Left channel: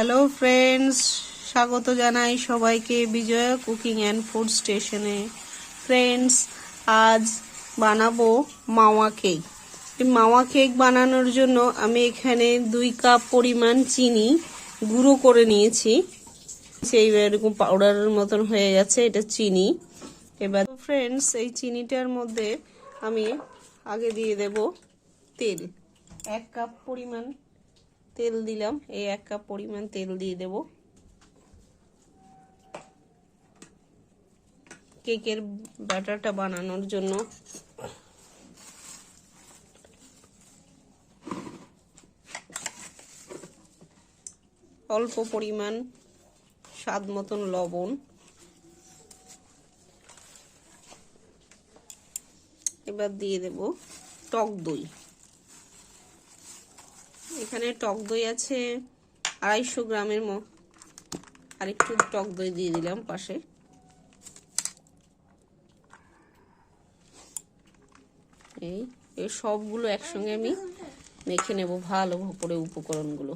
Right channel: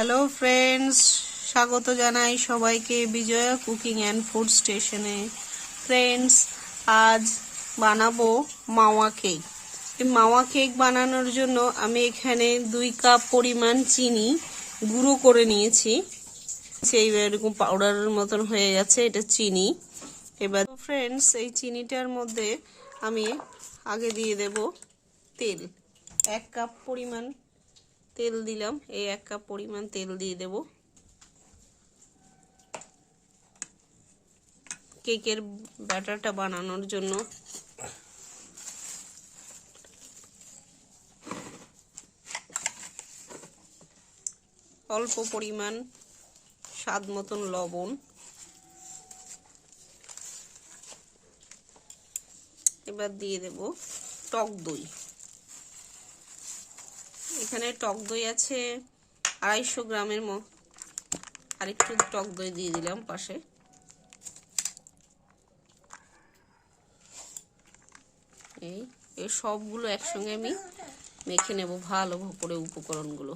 Hello friends, স্বাগত জানাই সবাইকে বিজয়া কুকিং অ্যান্ড ফুড স্টেশনে। ফ্রেন্ডস, আজ বানাবো মাওয়া কেক। এই মাওয়া কেক বানানোর জন্য আমি এখানে 2 কাপ পরিমাণ চিনি গুঁড়ো করে নিয়েছি। সেই এরকম পাউডারের মতন হয়ে গেছে, এটা চিনি। এবার ফ্রেন্ডস, এই চিনিটার মধ্যে আমি আগে দিয়ে দেব তেল। 1 কাপ পরিমাণ তেল দিলাম। এই 1 কাপ পরিমাণ তেল দিয়ে দেব কেকের ব্যাটারটা বানানোর জন্য। অল্প পরিমাণ স্বাদ মতন লবণ। এবার দিয়ে দেব টক দই। এখানে টক দই আছে 250 গ্রামের মতো। আরেকটু টক দই দিয়ে দিলাম পাশে। এই সবগুলো একসঙ্গে আমি মেখে নেব ভালো করে উপকরণগুলো।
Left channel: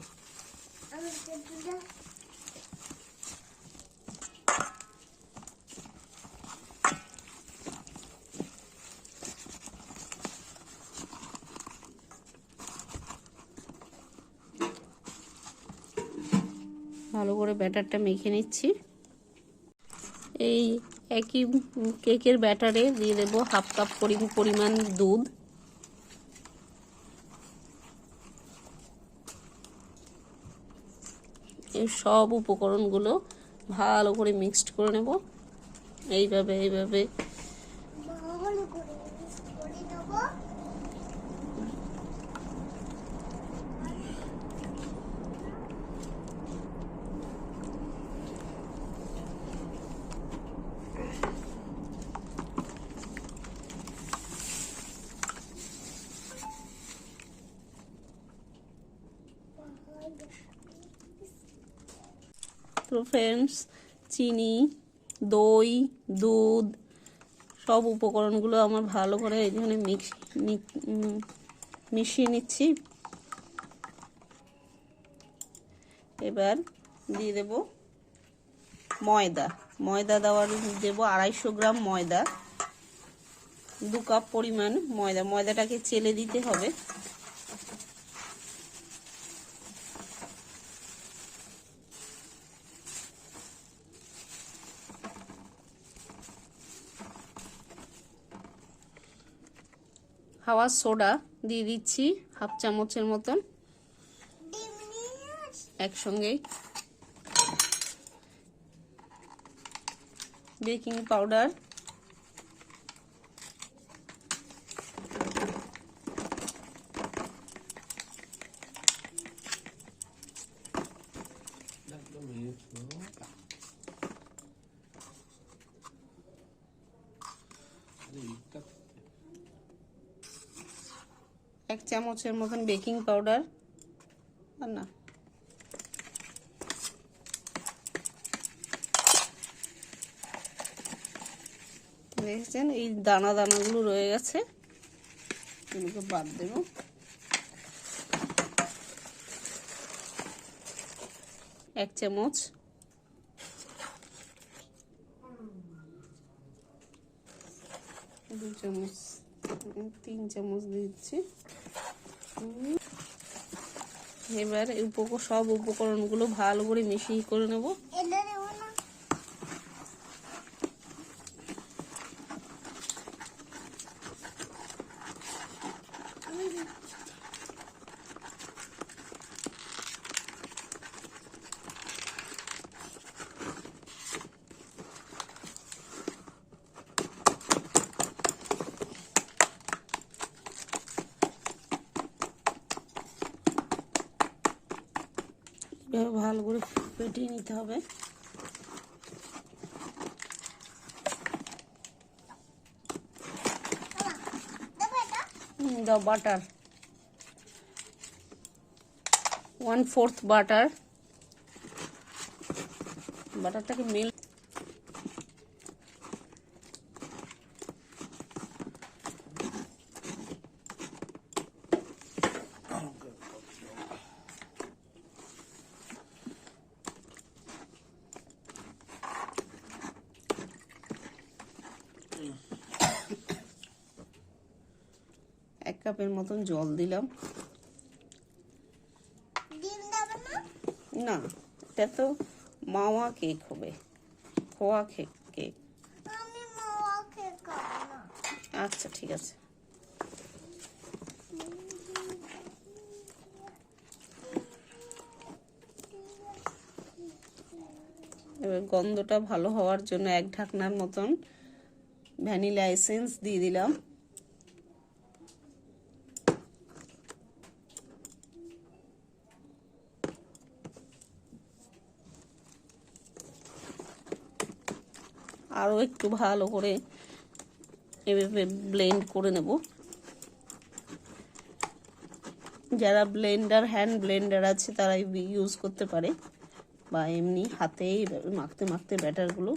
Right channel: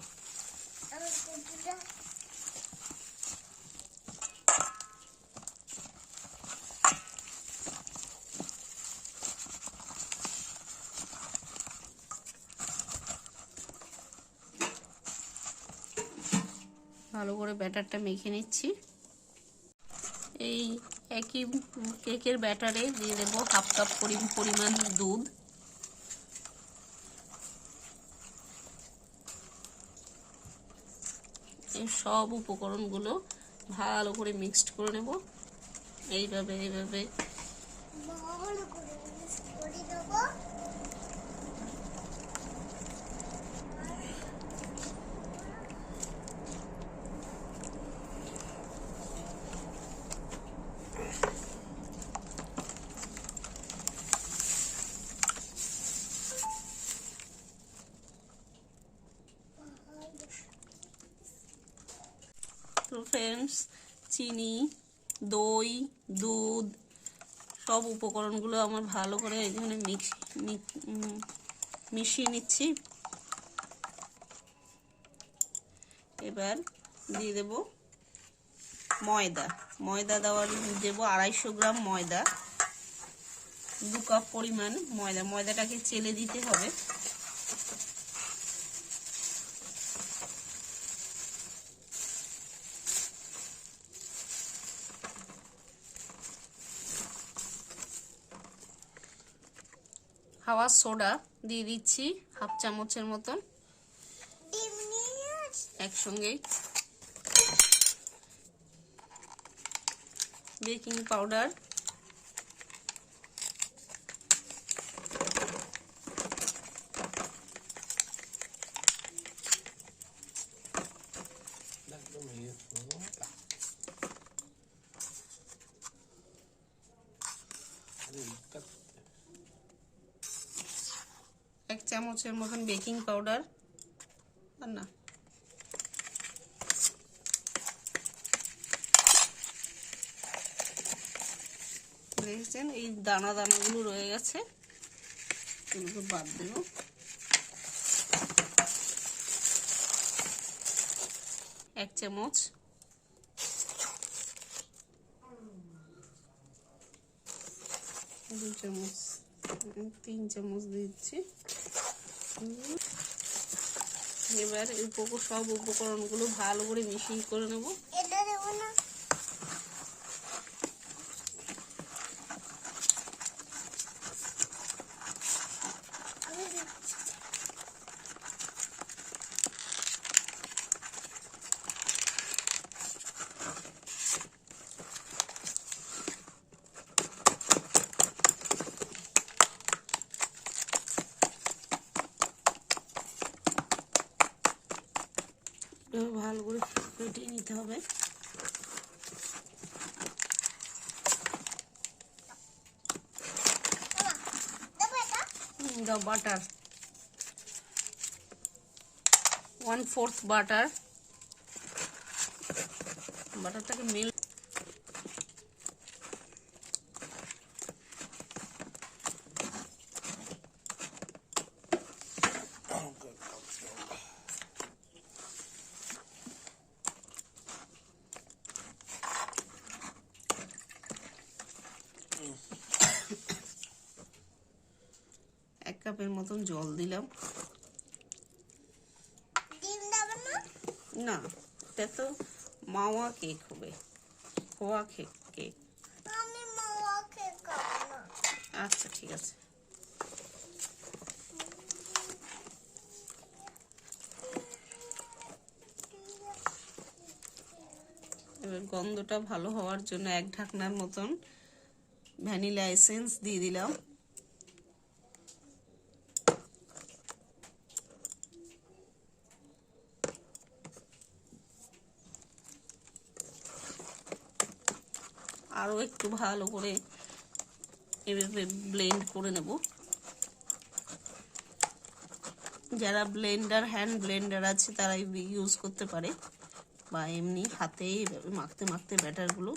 ভালো করে ব্যাটারটা মেখে নিচ্ছি। এই একই কেকের ব্যাটারে দিয়ে দেব 1/2 কাপ পরিমাণ দুধ। এই সব উপকরণগুলো ভালো করে মিক্সড করে নেব। এইভাবে তো ফ্রেন্ডস, চিনি, দই, দুধ সব উপকরণগুলো আমার ভালো করে এখানে মিশিয়ে নিচ্ছি। এবার দিয়ে দেব ময়দা দেব 250 গ্রাম ময়দা। 2 কাপ পরিমাণ ময়দাটাকে চেলে দিতে হবে। খাওয়ার সোডা দিয়ে দিচ্ছি 1/2 চামচের মতন একসঙ্গে। বেকিং পাউডার, এক চামচের মতন বেকিং পাউডার। আর না, দেখছেন এই দানাগুলো রয়ে গেছে, এগুলোকে বাদ দেব। এক চামচ, 2 চামচ, 3 চামচ দিচ্ছি। এবার সব উপকরণগুলো ভালো করে মিশিয়ে করে নেব। ভালো করে ফেটিয়ে নিতে হবে। the butter 1/4 বাটারটাকে মেল্ট কাপের মতন জল দিলাম। না, এটা তো মাওয়া কেক হবে, খোয়া কেক। আচ্ছা ঠিক আছে। এবার গন্ধটা ভালো হওয়ার জন্য 1 ঢাকনার মতন ভ্যানিলা এসেন্স দিয়ে দিলাম। আরও একটু ভালো করে এভাবে ব্লেন্ড করে নেব। যারা ব্লেন্ডার, হ্যান্ড ব্লেন্ডার আছে তারা ইউজ করতে পারে, বা এমনি হাতেই মাখতে মাখতে ব্যাটারগুলো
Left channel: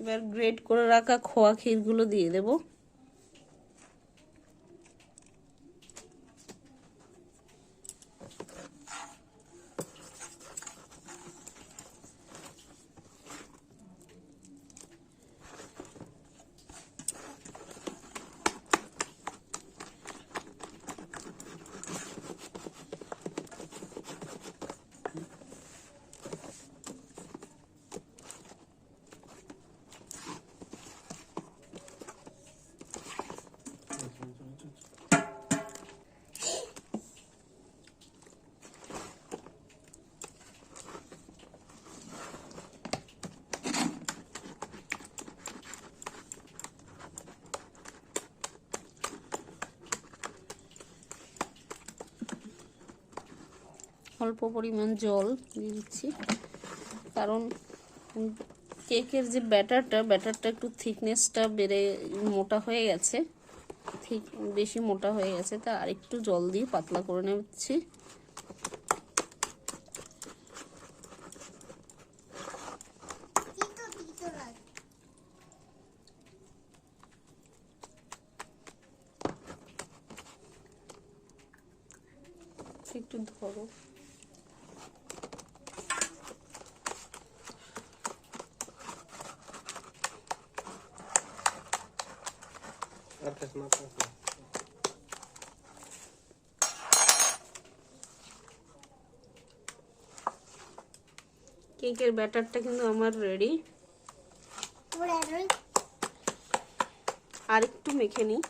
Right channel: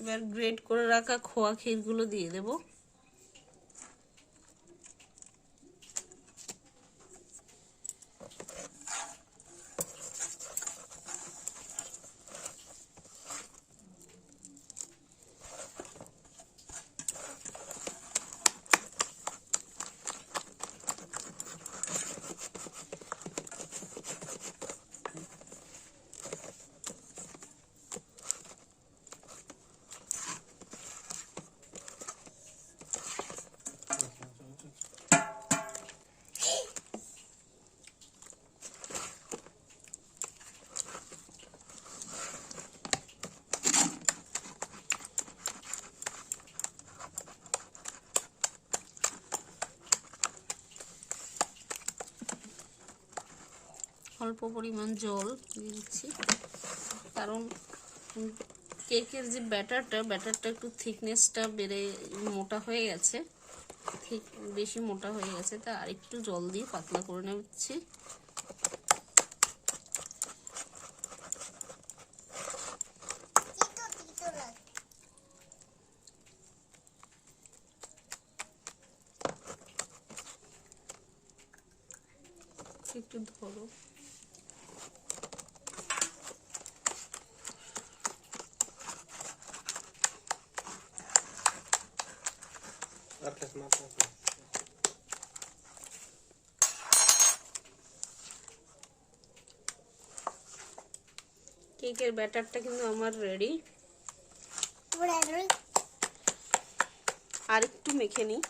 এবার গ্রেট করে রাখা খোয়া ক্ষীরগুলো দিয়ে দেব। অল্প পরিমাণ জল দিয়ে দিচ্ছি, কারণ কেকের যে ব্যাটারটা একটু থিকনেসটা বেড়ে মোটা হয়ে গেছে, বেশি মোটা হয়ে গেছে, তা আরেকটু জল দিয়ে পাতলা করে নিচ্ছি। একটু ধরো। কেকের ব্যাটারটা কিন্তু আমার রেডি। আর একটু মেখে নিই।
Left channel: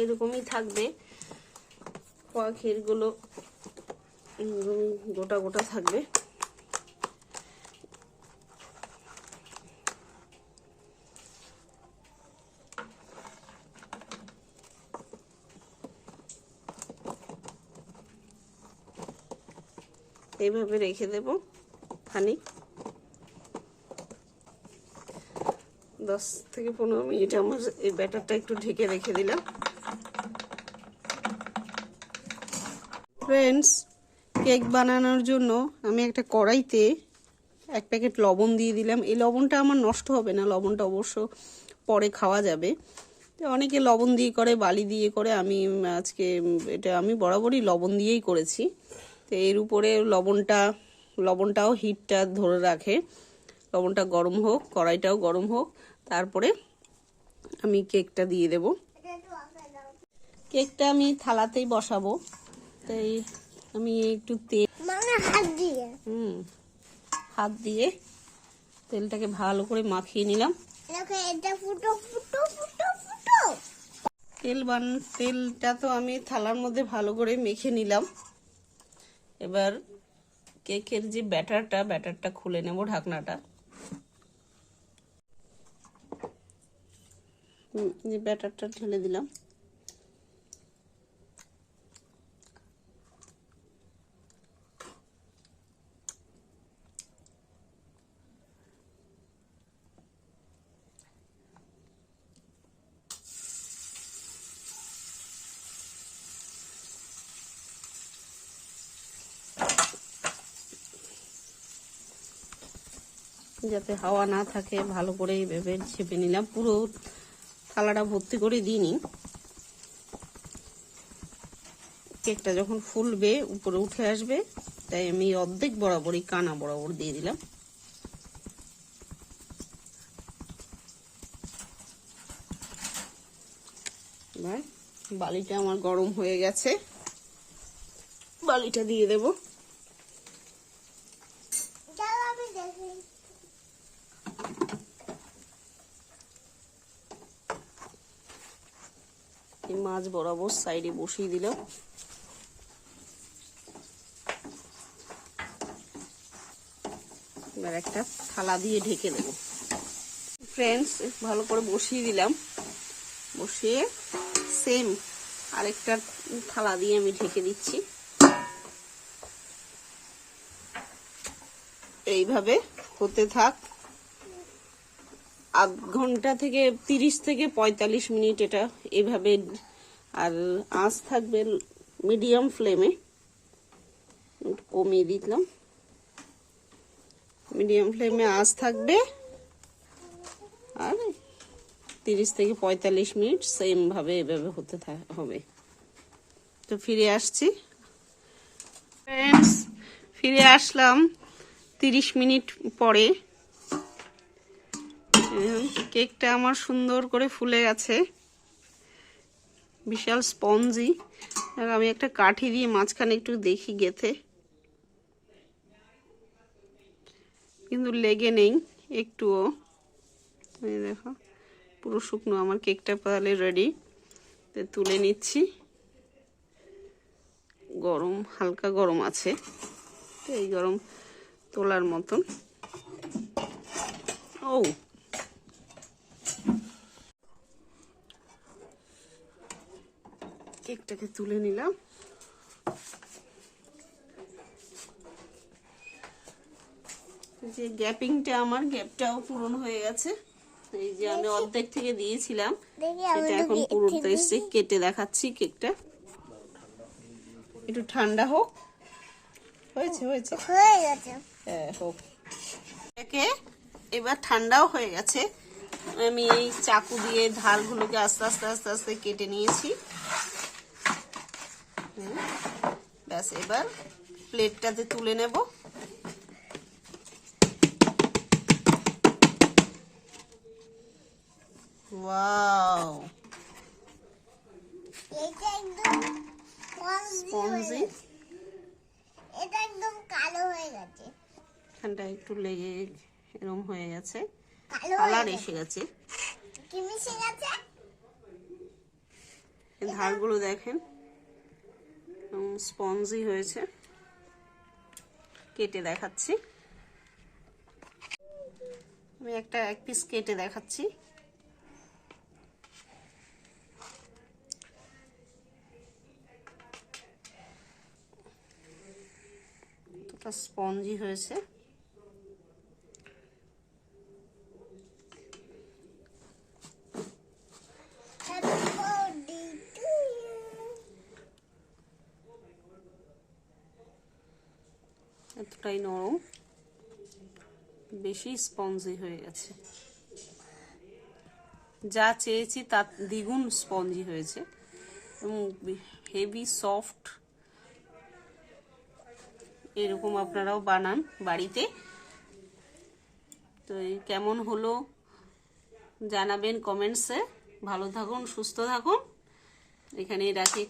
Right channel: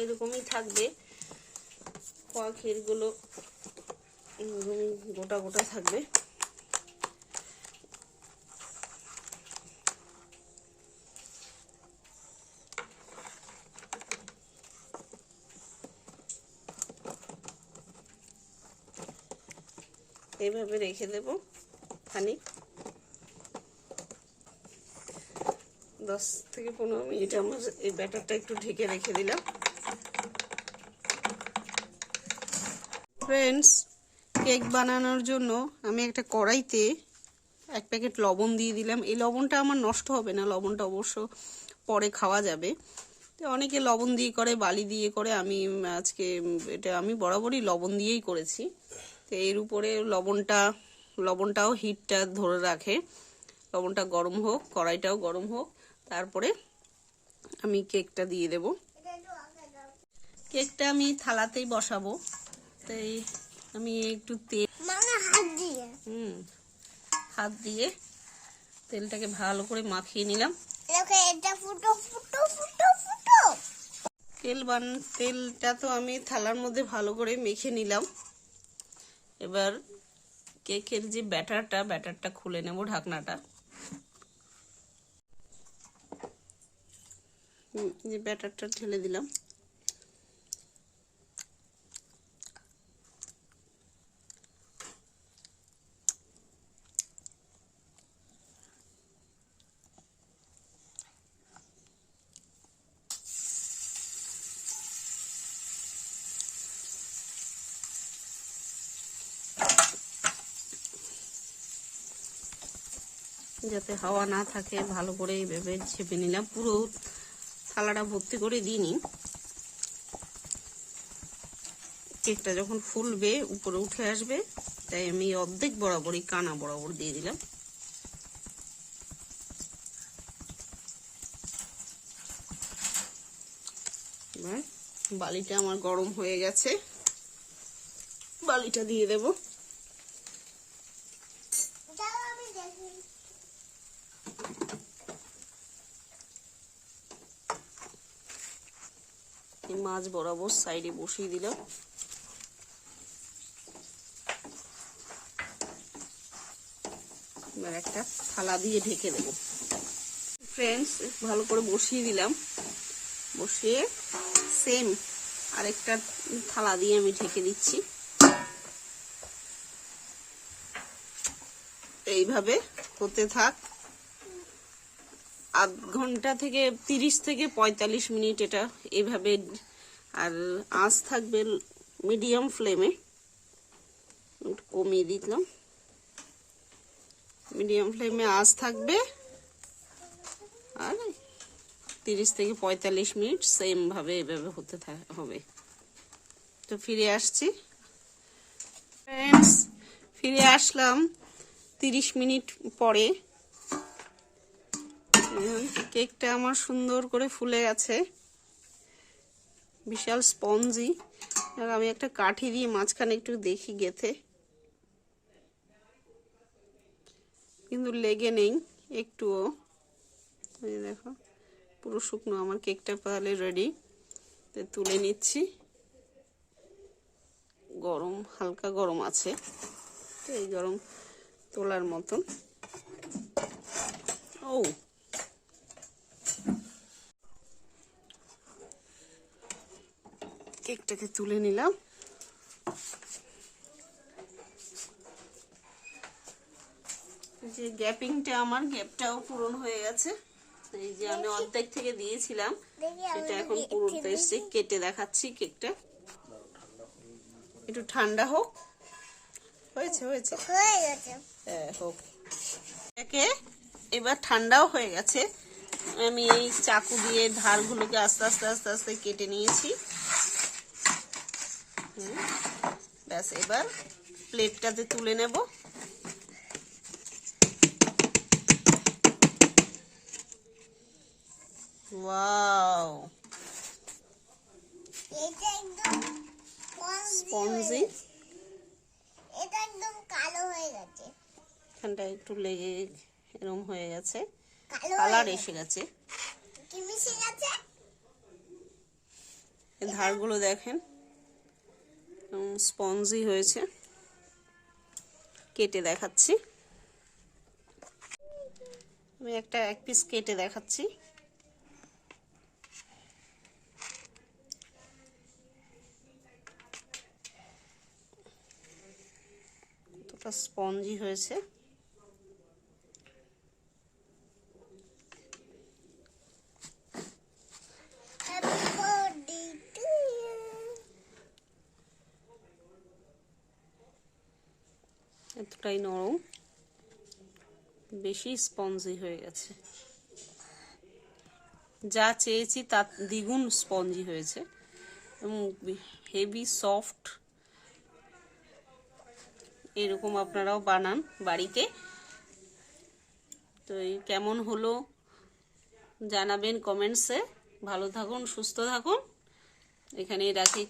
এরকমই থাকবে, খোয়া ক্ষীরগুলো গোটা গোটা থাকবে। এইভাবে রেখে দেব খানিক, 10 থেকে 15 মিনিট আমার এই ব্যাটারটা একটু ঢেকে রেখে দিলাম। ফ্রেন্ডস, কেক বানানোর জন্য আমি একটা কড়াইতে 1 প্যাকেট লবণ দিয়ে দিলাম। এই লবণটা আমার নষ্ট হবে না, লবণটা অবশ্য পরে খাওয়া যাবে। তো অনেকে লবণ দিয়ে করে, বালি দিয়ে করে, আমি আজকে এটা আমি বরাবরই লবণ দিয়েই করেছি। তো এর উপরে লবণটাও হিটটা ধরে রাখে। লবণটা গরম হোক, কড়াইটাও গরম হোক, তারপরে আমি কেকটা দিয়ে দেব। কেকটা আমি থালাতেই বসাবো, তাই আমি একটু তেল হাত দিয়ে তেলটাকে ভালো করে মাখিয়ে নিলাম। তেলটা তো আমি থালার মধ্যে ভালো করে মেখে নিলাম। এবার কেকের যে ব্যাটারটা খুলে নেব, ঢাকনাটা। যে ব্যাটারটা ঢেলে দিলাম। যাতে হাওয়া না থাকে ভালো করে এইভাবে চেপে নিলাম। পুরো থালাটা ভর্তি করে দিইনি, কেকটা যখন ফুলবে উপরে উঠে আসবে, তাই আমি অর্ধেক বরাবরই কানা বরাবর দিয়ে দিলাম। এবার বালিটা আমার গরম হয়ে গেছে, বালিটা দিয়ে দেব। মাছ বরাবর সাইডে বসিয়ে দিলাম। এবার একটা থালা দিয়ে ঢেকে দেবো। ফ্রেন্ডস, ভালো করে বসিয়ে দিলাম, বসিয়ে সেম আরেকটা থালা দিয়ে আমি ঢেকে দিচ্ছি। এইভাবে হতে থাক, আধ ঘন্টা থেকে 30 থেকে 45 মিনিট এটা এইভাবে। আর আঁচ থাকবে মিডিয়াম ফ্লেমে, কমিয়ে দিলাম। মিডিয়াম ফ্লেমে আঁচ থাকবে, আর 30 থেকে 45 মিনিট সেম ভাবে এভাবে হতে হবে। তো ফিরে আসছি ফ্রেন্ডস, ফিরে আসলাম 30 মিনিট পরে। কেকটা আমার সুন্দর করে ফুলে গেছে, বিশাল স্পঞ্জি। আমি একটা কাঠি দিয়ে মাঝখানে একটু দেখি গেথে, কিন্তু লেগে নেই একটুও। এই দেখো পুরো শুকনো আমার কেকটা তাহলে রেডি। তুলে নিচ্ছি, গরম, হালকা গরম আছে, তো এই গরম তোলার মতন। ও, কেকটাকে তুলে নিলাম। যে গ্যাপিংটা, আমার গ্যাপটাও পূরণ হয়ে গেছে। এই যে আমি অর্ধেক থেকে দিয়েছিলাম, সেটা এখন পুরোটা এসে কেটে দেখাচ্ছি। কেকটা একটু ঠান্ডা হোক। হয়েছে হয়েছে হ্যাঁ, হোক। এবার ঠান্ডাও হয়ে গেছে। আমি এই চাকু দিয়ে ধারগুলোকে আস্তে আস্তে আস্তে আস্তে কেটে নিয়েছি। ব্যাস, এবার প্লেটটাতে তুলে নেব। ওয়াও, এটা একদম স্পঞ্জি। এটা একদম কালো হয়ে গেছে, এখানটা একটু লেগে এরকম হয়ে গেছে, কালো কালার এসে গেছে। কি মিশে গেছে? ধারগুলো দেখেন স্পঞ্জি হয়েছে। কেটে দেখাচ্ছি, আমি এক পিস কেটে দেখাচ্ছি। কতটা স্পঞ্জি হয়েছে। এতটাই নরম, বেশি স্পঞ্জি হয়ে গেছে। যা চেয়েছি তার দ্বিগুণ স্পঞ্জি হয়েছে এবং হেভি সফট। এরকম আপনারাও বানান বাড়িতে। তো কেমন হলো জানাবেন কমেন্টসে। ভালো থাকুন, সুস্থ থাকুন, এখানেই রাখি।